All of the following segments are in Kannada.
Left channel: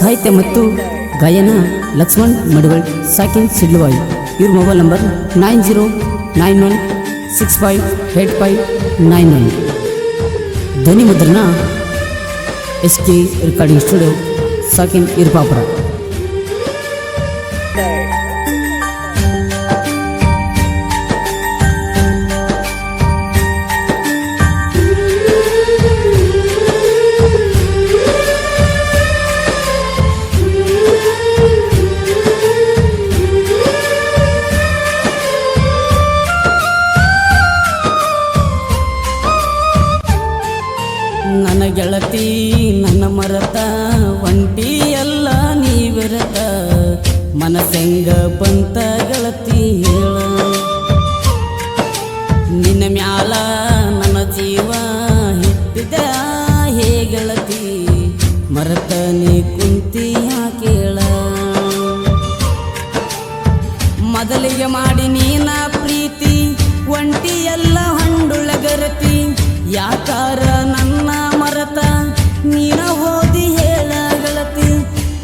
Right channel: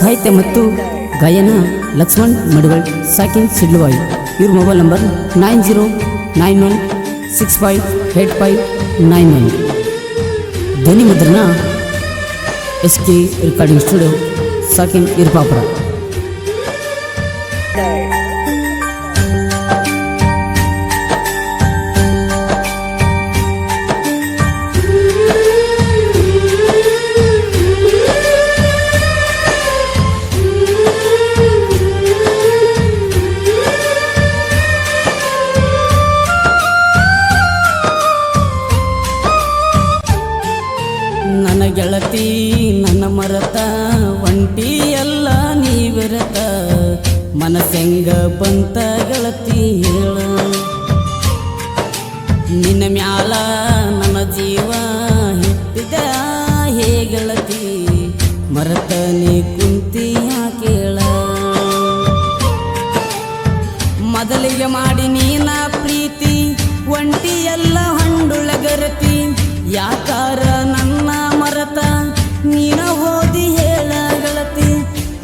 ಸಾಹಿತ್ಯ ಮತ್ತು ಗಾಯನ ಲಕ್ಷ್ಮಣ್ ಮಡಿವಳ್ ಸಾಕಿನ್ ಸಿಡ್ಲುವಾಯ್. ಇವ್ರ mobile number nine zero nine one six five eight five nine one ಧ್ವನಿ ಮುದ್ರಣ ಎಸ್ ಕೆ ರೆಕಾರ್ಡಿಂಗ್ ಸ್ಟುಡಿಯೋ, ಸಾಕಿನ್ ಇರ್ಪಾಪುರ. ಮರತ ಒಂಟಿ ಎಲ್ಲ ನೀವಿರತ ಮನಸೆಂಗ ಬಂತ ಗೆಳತಿ ಹೇಳ. ನಿನ್ನ ಮ್ಯಾಲ ನನ್ನ ಜೀವ ಹಿಟ್ಟಿದ ಹೇ ಗೆಳತಿ ಮರತನೆ ಕುಂತಿಯ ಕೇಳ ಮೊದಲಿಗೆ ಮಾಡಿ ನೀನ ಪ್ರೀತಿ ಒಂಟಿ ಎಲ್ಲ ಹಂಡುಳಗರತಿ ಯಾಕಾರ ನನ್ನ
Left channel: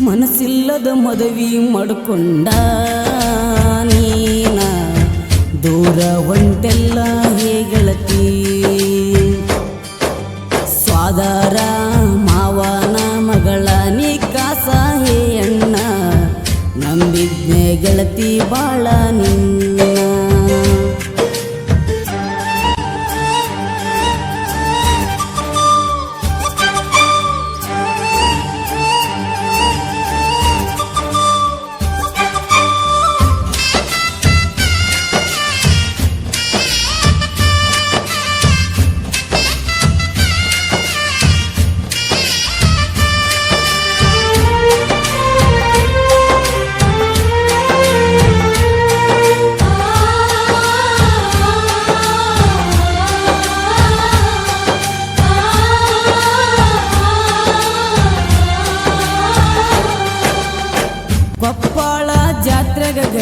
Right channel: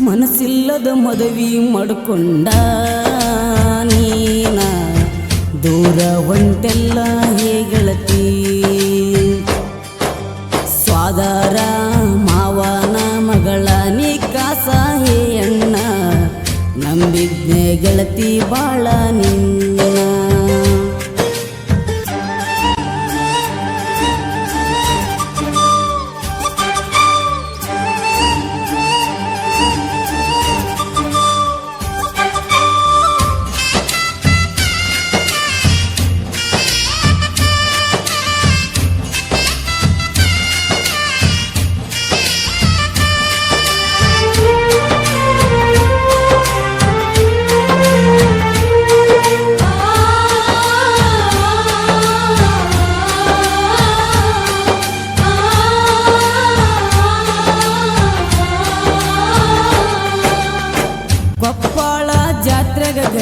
ಮನಸ್ಸಿಲ್ಲದ ಮದವಿ ಮಾಡ್ಕೊಂಡ ನೀನ. ದೂರ ಹೊಂಟೆಲ್ಲ ಹೇ ಗೆಳತಿ ಸ್ವಾದಾರ ಮಾವನ ಮಗಳ ನೀ ಕಾಸ ಹೇ ಅಣ್ಣ. ನಂಬಿದ್ನೆ ಗೆಳತಿ ಬಾಳ ನಿನ್ನ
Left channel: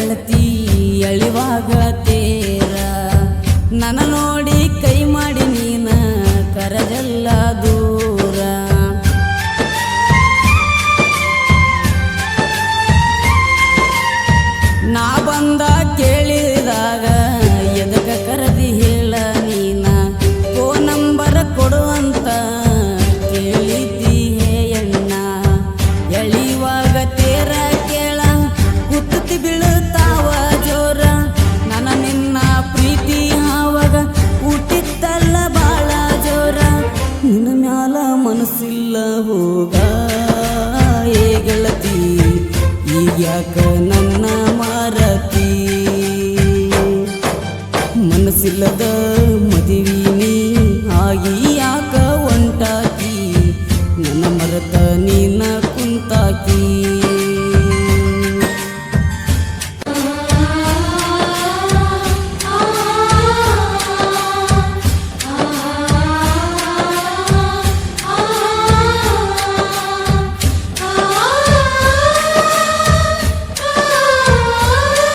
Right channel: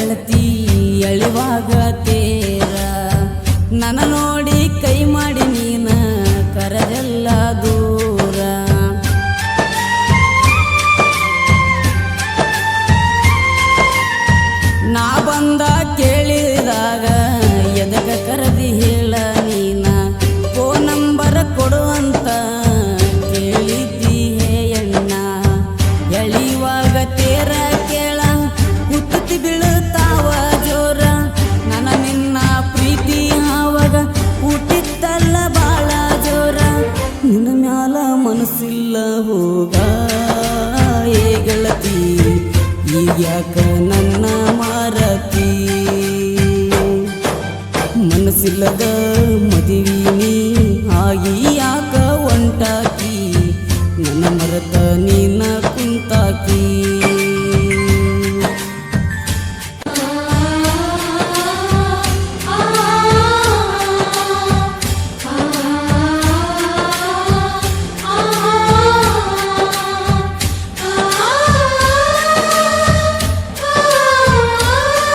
ಗೆಳತಿ ಎಳಿವಾಗ ತೇರ. ನನ್ನ ನೋಡಿ ಕೈ ಮಾಡಿ ನೀನ ಕರದೆಲ್ಲ ದೂರ. ನಾ ಬಂದ ಕೇಳಿದಾಗ ಎದಕ ಕರದಿ ಮನಸ್ಸಿಲ್ಲ ಹೋಗ, ಏ ಗೆಳತಿ ಈಗ್ಯಾಕ ನನ್ನ ಮಾರತಿ? ಮನಸ್ಸಿಲ್ಲದ ನೀ ಆಗಿ ಯಾಕ ಒಂಟಾಕಿ ನನ್ನ ಮರತ ನೀನ ಕುಂತಾಕಿ?